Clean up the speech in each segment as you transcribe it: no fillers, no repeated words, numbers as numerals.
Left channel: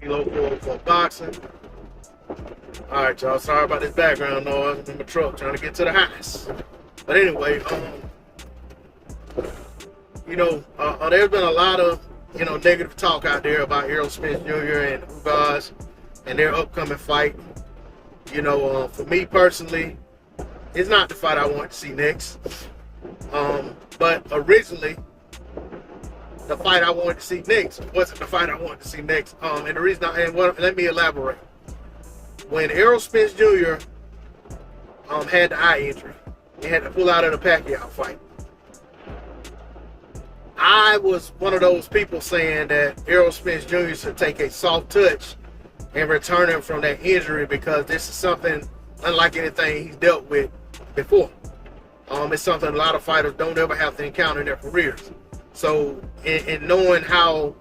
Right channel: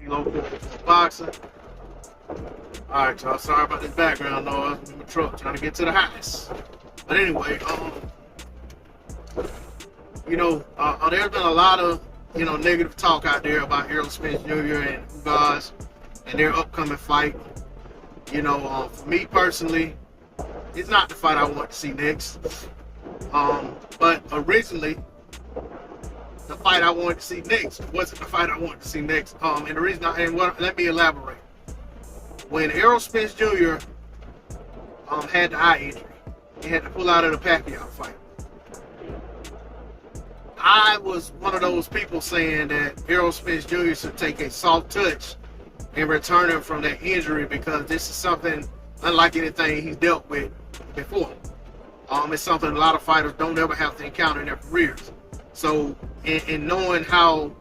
Kilo for boxing. All right, y'all. Sorry about this background noise. I'm in my truck trying to get to the house. But anyway, there's been a lot of negative talk out there about Errol Spence Jr. and Ugas and their upcoming fight. For me personally, it's not the fight I want to see next. But originally, the fight I wanted to see next wasn't the fight I wanted to see next. And the reason let me elaborate. When Errol Spence Jr. Had the eye injury, he had to pull out of the Pacquiao fight. I was one of those people saying that Errol Spence Jr. should take a soft touch and return him from that injury because this is something unlike anything he's dealt with before. It's something a lot of fighters don't ever have to encounter in their careers. So, in knowing how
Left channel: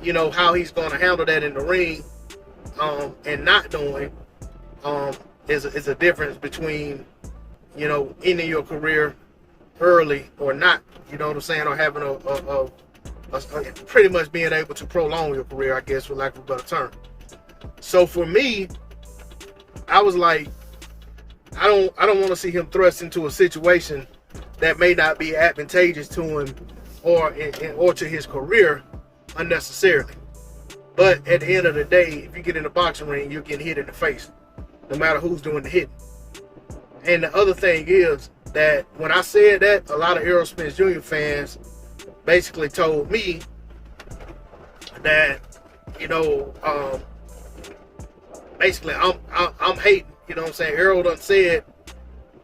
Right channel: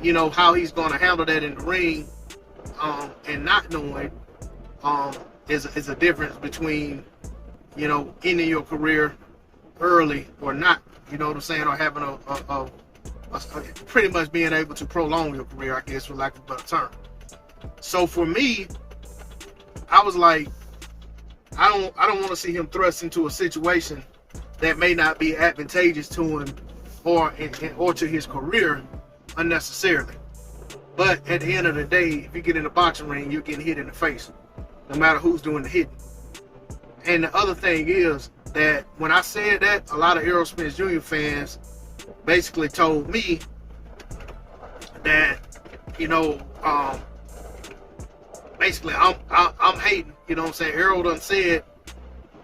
he's going to handle that in the ring, and not knowing, is a difference between, ending your career early or not. You know what I'm saying? Or having a pretty much being able to prolong your career, I guess, for lack of a better term. So for me, I was like, I don't want to see him thrust into a situation that may not be advantageous to him or to his career unnecessarily. But at the end of the day, if you get in the boxing ring, you're getting hit in the face, no matter who's doing the hitting. And the other thing is that when I said that, a lot of Errol Spence Jr. fans basically told me that, basically I'm hating. You know what I'm saying? Errol done said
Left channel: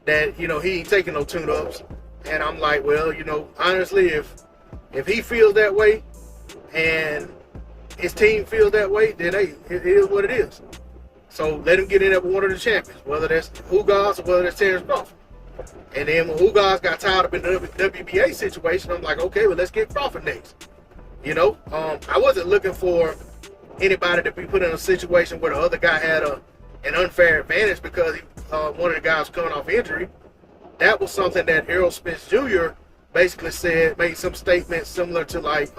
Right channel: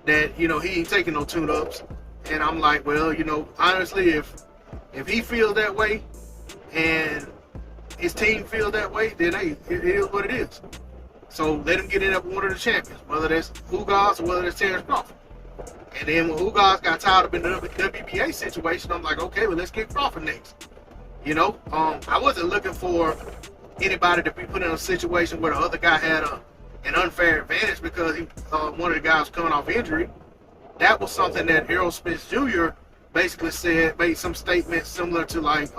that, he ain't taking no tune-ups. And I'm like, well, honestly, if he feels that way and his team feels that way, then hey, it is what it is. So let him get in there with one of the champions, whether that's Ugas or whether that's Terrence Crawford. And then when Ugas got tied up in the WBA situation, I'm like, okay, well, let's get Crawford next. I wasn't looking for anybody to be put in a situation where the other guy had an unfair advantage because one of the guys was coming off injury. That was something that Errol Spence Jr. basically said, made some statement similar to like,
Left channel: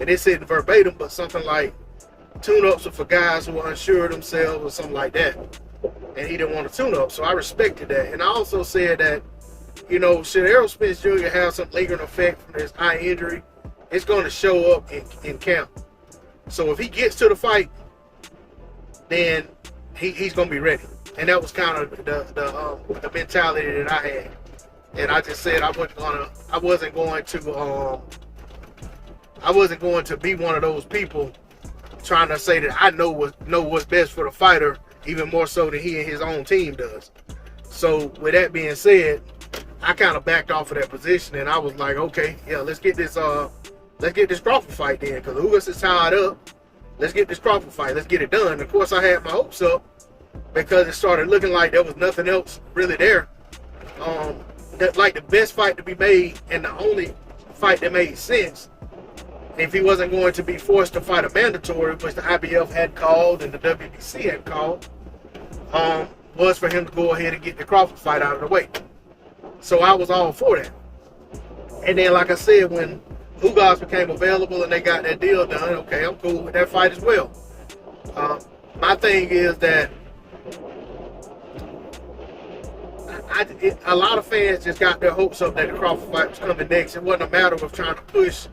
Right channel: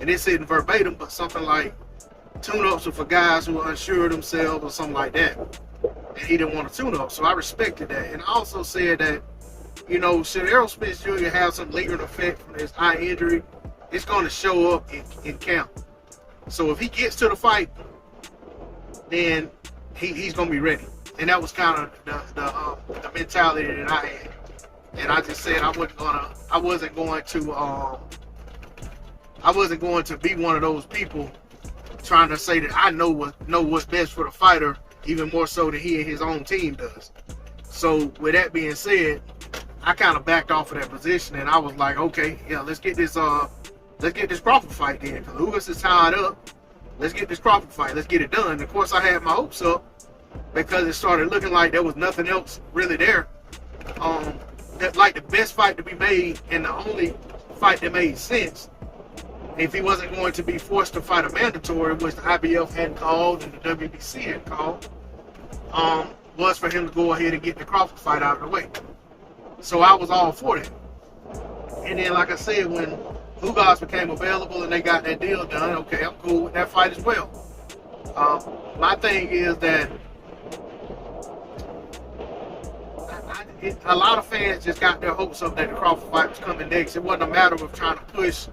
and it said verbatim, but something like tune-ups are for guys who are unsure of themselves or something like that. And he didn't want a tune-up, so I respected that. And I also said that, should Errol Spence Jr. have some lingering effect from his eye injury, it's going to show up in camp. So if he gets to the fight, then he's going to be ready. And that was kind of the mentality that I had. And I just said I wasn't going to be one of those people trying to say that I know what's best for the fighter, even more so than he and his own team does. So with that being said, I kind of backed off of that position, and I was like, okay, yeah, let's get this Crawford fight then, because Ugas is tied up. Let's get this Crawford fight. Let's get it done. And of course, I had my hopes up because it started looking like there was nothing else really there. That like the best fight to be made and the only fight that made sense, if he wasn't going to be forced to fight a mandatory, which the IBF hadn't called and the WBC hadn't called, was for him to go ahead and get the Crawford fight out of the way. So I was all for that. And then, like I said, when Ugas became available and they got that deal done, okay, I'm cool with that fight as well. My thing is that a lot of fans just got their hopes up that the Crawford fight was coming next. It wasn't a matter of trying to push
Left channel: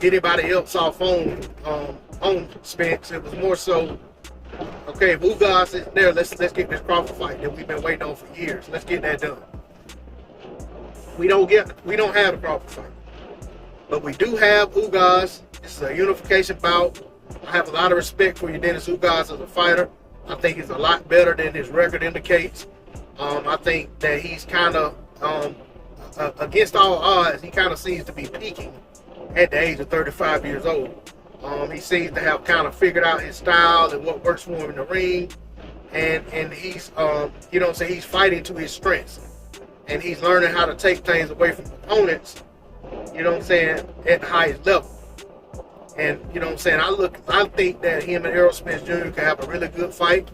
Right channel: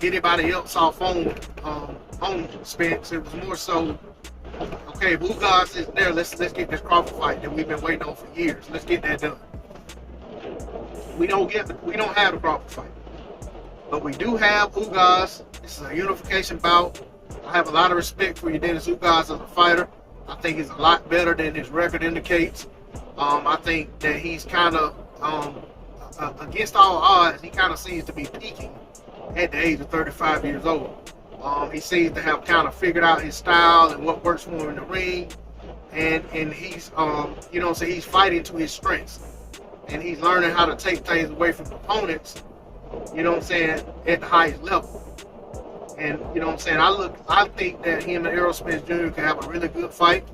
anybody else off on Spence. It was more so, okay, if Ugas is there, let's get this Crawford fight that we've been waiting on for years. Let's get that done. We don't have the Crawford fight, but we do have Ugas. This is a unification bout. I have a lot of respect for Yordenis Ugas as a fighter. I think he's a lot better than his record indicates. I think that he's kind of, against all odds, he kind of seems to be peaking at the age of 35 years old. He seems to have kind of figured out his style and what works for him in the ring. And he's, he's fighting to his strengths. And he's learning how to take things away from opponents, at the highest level. And, I think that him and Errol Spence Jr. can have a really good fight.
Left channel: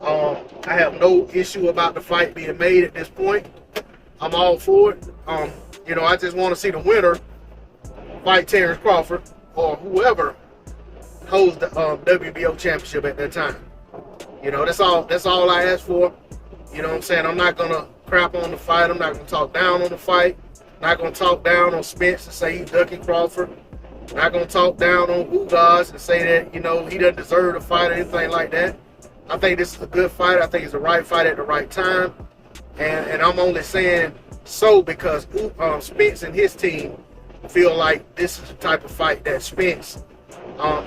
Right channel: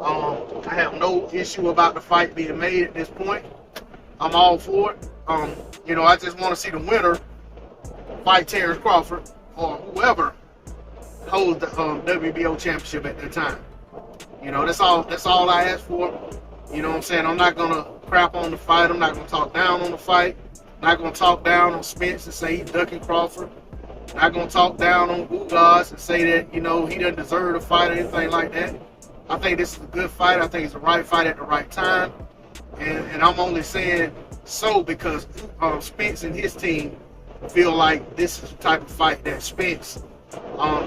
I have no issue about the fight being made at this point. I'm all for it. I just want to see the winner fight Terrence Crawford or whoever holds the WBO championship at that time. You know, that's all I ask for. You know what I'm saying? I'm not gonna crap on the fight. I'm not gonna talk down on the fight. Not gonna talk down on Spence and say he's ducking Crawford. Not gonna talk down on Ugas and say that, you know, he doesn't deserve to fight or anything like that. I think this is a good fight. I think it's the right fight at the right time. And I'm only saying so because Spence and his team feel like this is the type of fight that Spence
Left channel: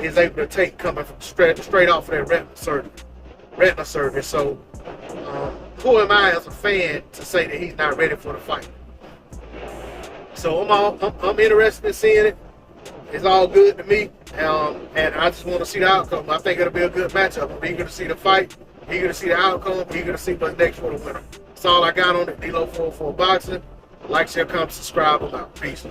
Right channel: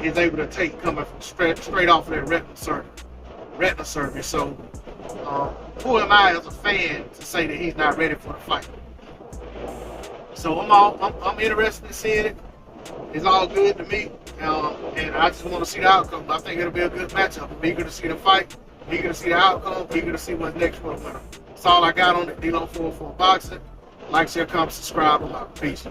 is able to take coming from straight off of that retina surgery. So who am I as a fan to say that he's not ready for the fight? So I'm interested in seeing it. It's all good to me, and I just want to see the outcome. I think it'll be a good matchup. I'm eager to see the fight, eager to see the outcome, eager to see what's next for the winner. That's all I got on it. D-Lo 404 Boxing. Like, share, comment, subscribe. I'm out. Peace.